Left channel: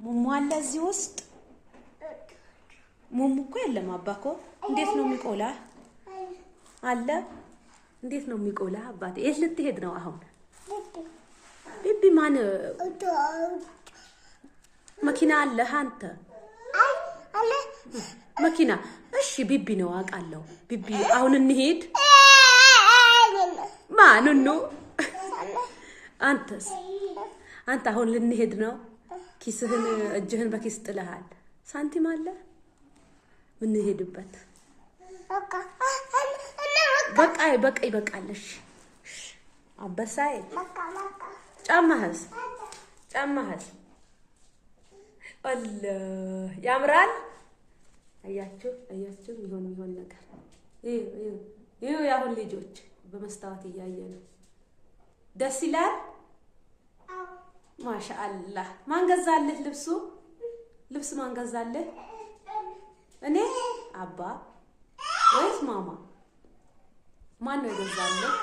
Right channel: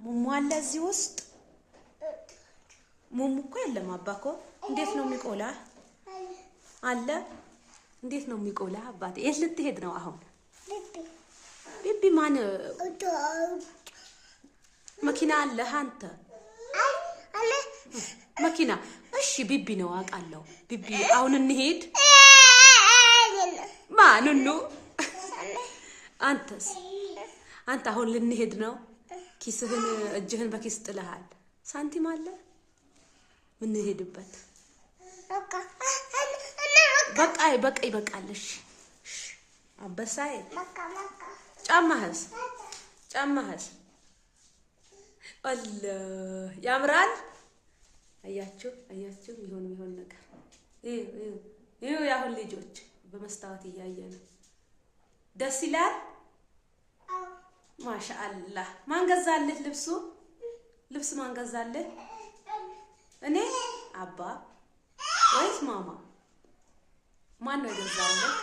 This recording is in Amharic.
ሙሙ አለ እዚህ ውስጥ ሙሙ እኮ የለም አባኮ እንዴት ነው የሚቆላ አለ እንዴት ነው የሚቆላ አባቴ የት ልትሄድ ነው አሁን ቢቢ ማን መኪና አለ አንተ አለ መኪና እሺ ቢቢ ነው አውቃለሁ ቢቢ አሁን እንሄድ ማንኑ አንተስ አንተ አሁን ልንሄድ ነው ኪስህን እጅህን በኪስ ጥለሃል ሳንቲም አለ ምን ሄድበት በቃ ይበቃልሽ አበሳይ ጫማህስ አላህ ያምራል አያችሁ ይሆን ነገር ይሄ ያሁን ልጆች በመስታወት ያያየኑ ደስ ይላል ማሻአላህ ማን ገዛልህ ልብስ ማን ገዛልህ እኔ አባ ወይስ ማማ ማን ነው የገዛልህ